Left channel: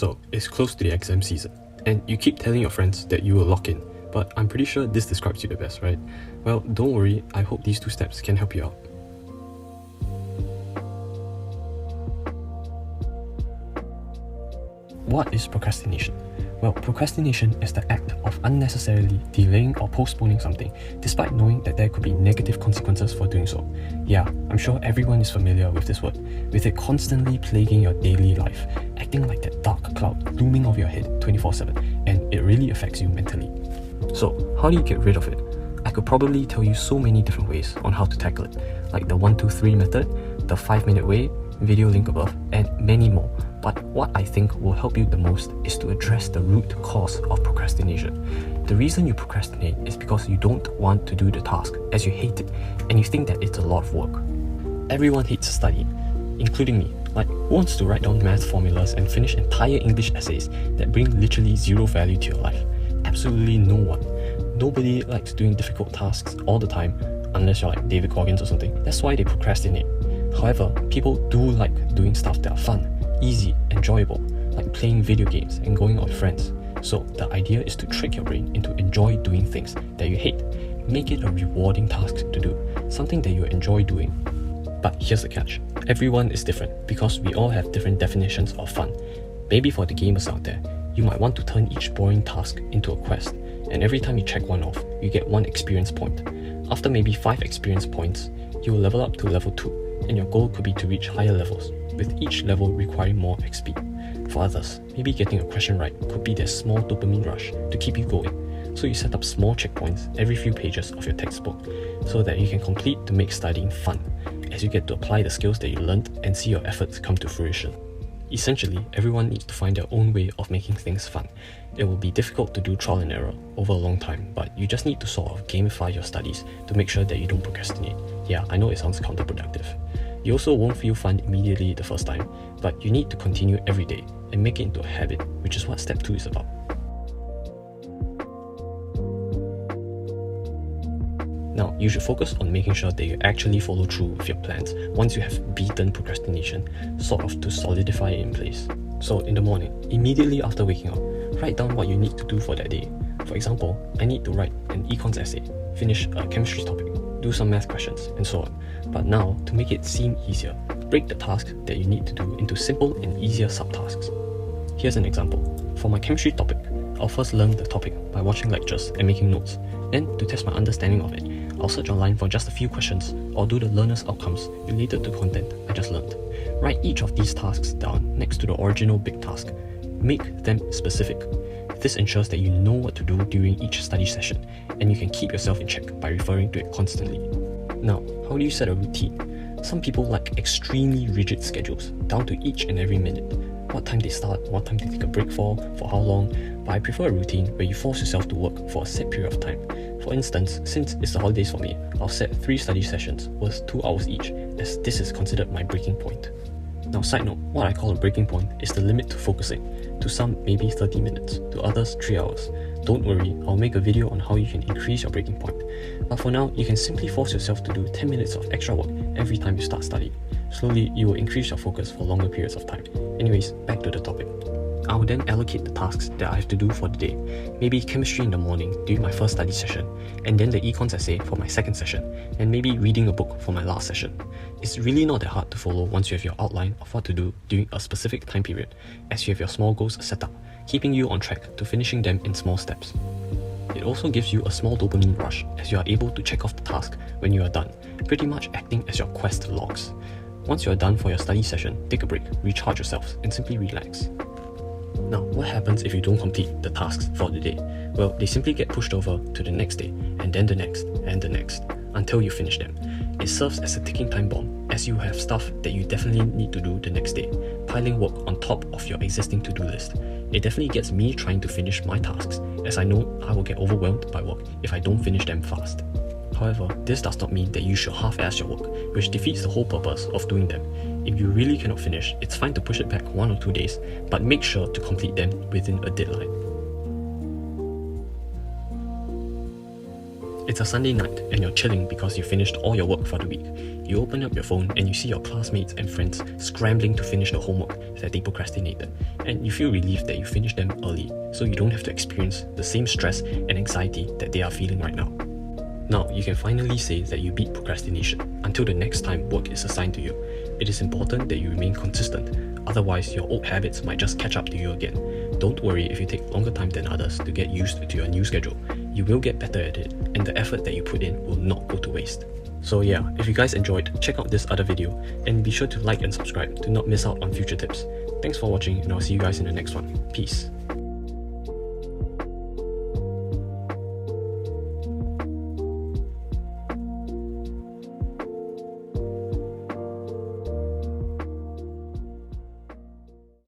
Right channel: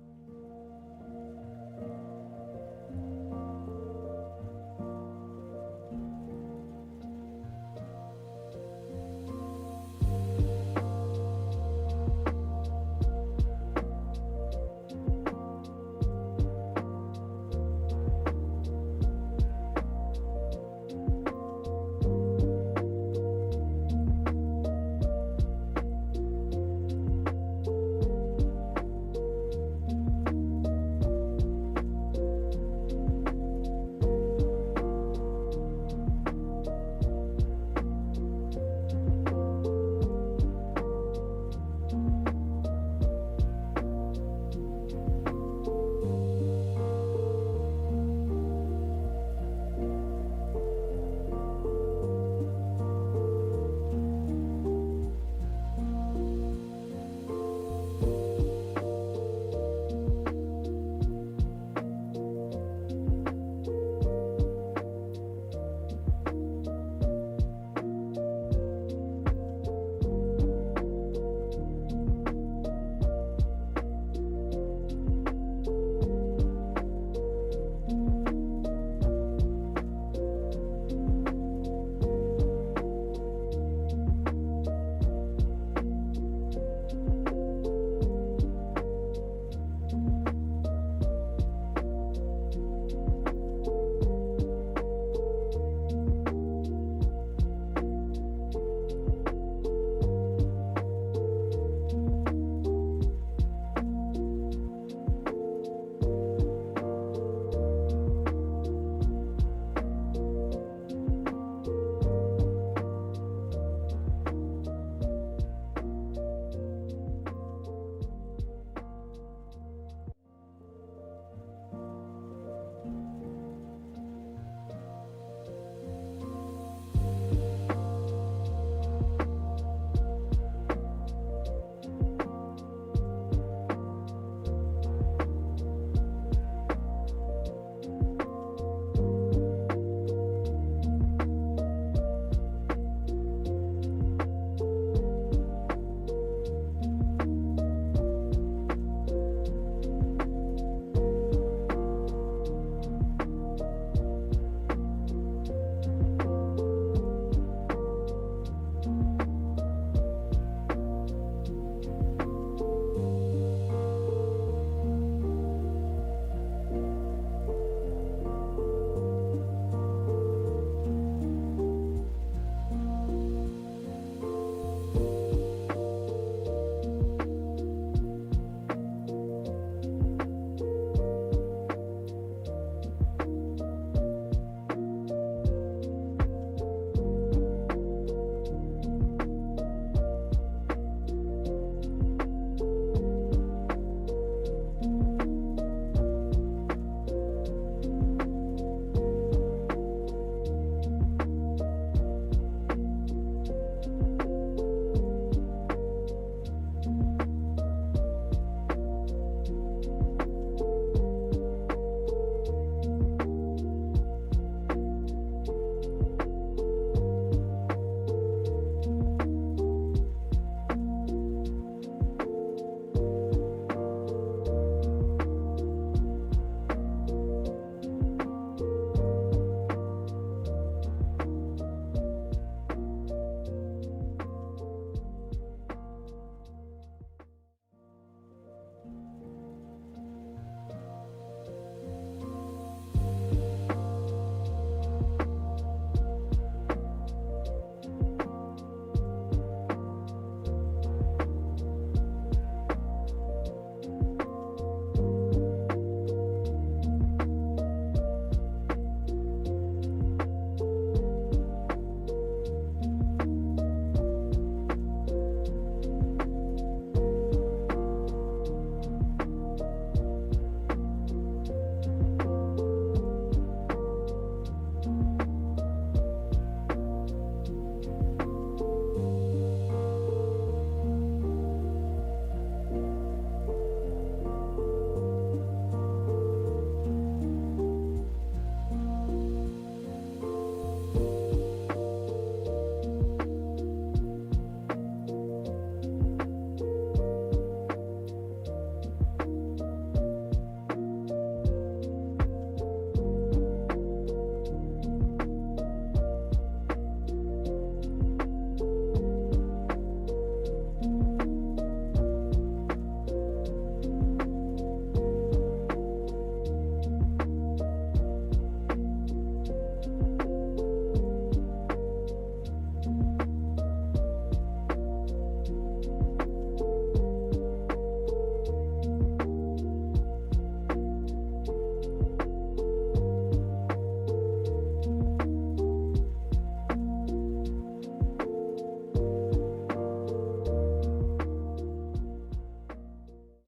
So it's close to the exam season, and you keep telling your friends that you will lock in, but I'm pretty sure this describes you the best, right? Well, don't worry, I hope these 2 steps can help you out. What is procrastination? Well, procrastination is the act of unnecessarily delaying or postponing something, despite knowing that there could be negative consequences for doing so. Yeah, I'm sure everyone is familiar with this word, with it constantly plaguing your daily life, acting like that dark cloud looming over your head 24/7, and it really affects you mentally. So, how do you get rid of it? I could probably tell you so many different ways on how to tackle it, like the 1-2-3 method, the 5-minute way, video link above, and many more. But what I think will help you the most is to address the root cause of procrastination. The reason you procrastinate is because you don't want to do the task as you hate it and you think that it's a lot of work. Everyone hates studying, including me. Like, who wants to write down math formulas and finish entire English essays that bring literally zero value to your life? Absolutely no one. Nobody likes doing difficult tasks all the time, unless you're like David Goggins or something. That's why they procrastinate. However, people do like doing stuff that are fun, easy, enjoyable, like playing video games and going out with friends. So the idea is to trick your brain into enjoy doing things that you hate. Make it a rewarding task to do, something that you enjoy doing. But here's the catch. Everyone is different because we all have different definitions of fun. Maybe for the gamers out there, you might want to turn each boring task into a quest, and every time you check one off, you get 1 experience point. After maybe 5 experience points, you will level up to level 2. And your goal could be to reach higher levels, with each level requiring more XP. For others, maybe getting a question right could be their small dopamine rush to keep you going. So you set up small checkpoints every few pages of your textbook, so that you can complete to make studying fun, as you get to apply the skills that you learned and see your efforts come to fruition. Essentially, everyone needs to find their own way of making things fun. It will be difficult to do trial and error over a long time, but you just need to sort of gamify your studies to make sure that you don't procrastinate. Yeah, I know it sounds counterproductive. You also won't feel fun immediately the first time, but you need to continue every day and make it into a habit, which is what step 2 is about. Now, you should focus on making sure that you actually follow through with your plans once you have beaten procrastination, sort of to solidify it in place. So in the morning, immediately after waking up, write down what you need to do for that day. For example, I need to write an econs essay, finish a chemistry topic, do some math questions, and so on. But now, to make it seem easier, break the task that you need to do into simple and easier subtasks. Here's an example. For my chemistry topic, I'll first learn the topic by watching lectures and making notes. Then, to test my understanding of it, I'll search online for just a few questions or do the learner's outcomes related to content I just learned. Write each of these tasks down next to the original big task. Make them specific. This ensures that you know what to do during each study session, and you can keep yourself in check by referring to it constantly. Now, how do you set a routine? Some people like extremely rigid schedules, down to each and every minute. What time they start, what time they take a break for how long, but I prefer a routine where you force yourself to work for a set period of time. For instance, since it's the holidays for me, I'll set 3 study sessions worth 2 hours each, as this is considered my breaking point. Now, side note, what I call a breaking point is the limit to focusing. To some, maybe 30 minutes, to others, 3 hours. Don't worry, I'll make a video on how you can increase your breaking point. But for now, you can simply force yourself to do 10 minutes of extra work every time you start studying. Slowly, you will increase your focus for longer periods of time. Anyways, back to the topic. I will then allocate the tasks that I have to do for the day. Maybe chemistry in the morning during my first study session, and then the econs essay for my second session, and maybe reading a book for my last session. It's really not that hard to follow once you have your outline of what to do during a specific time period, as you have your small goals set up, keeping you on track to finishing them in small steps. It also gives you a small dopamine rush as you are able to check off the task when you are done, pretty much acting as your quest logs. Once you are done for your study session, take a break, recharge yourself, and simply relax. Now, what happens if you don't complete the tasks for the day? Well, they simply get pushed over to the next day, and then the next, and the next, until you finish them. It serves as a ticking time bomb, as you have stuff that you definitely need to do the next day, piling work on top of your existing to-do list. It definitely gets me trying to finish my tasks, as I know I will get overwhelmed by work if I don't finish them fast. However, this does not mean that you should half-ass your work, which defeats the whole purpose of doing them. If you really cannot finish, it's fine to push it back 1 or 2 days, but make sure to complete them within a deadline. It's a Sunday night and you're chilling because you finished all your work for the week. you open up your phone and you see your classmates and friends scrambling to finish the homework that they procrastinated, and you feel relieved that you finished them early, so you don't have to experience the same stress and anxiety that they are feeling right now. Now, you can finally say that you beat procrastination. Until the next time work is assigned to you, it is important that you remain consistent, otherwise your old habits might just catch up to you again. Don't worry if you take longer time than others to get used to your new schedule. You will get better at it, and the effort that you put in will not go to waste. So yeah, if you guys enjoyed, check out this other video, and be sure to like and subscribe to not miss out on future tips. Thanks for watching, and I'll see you guys in the next one. Peace.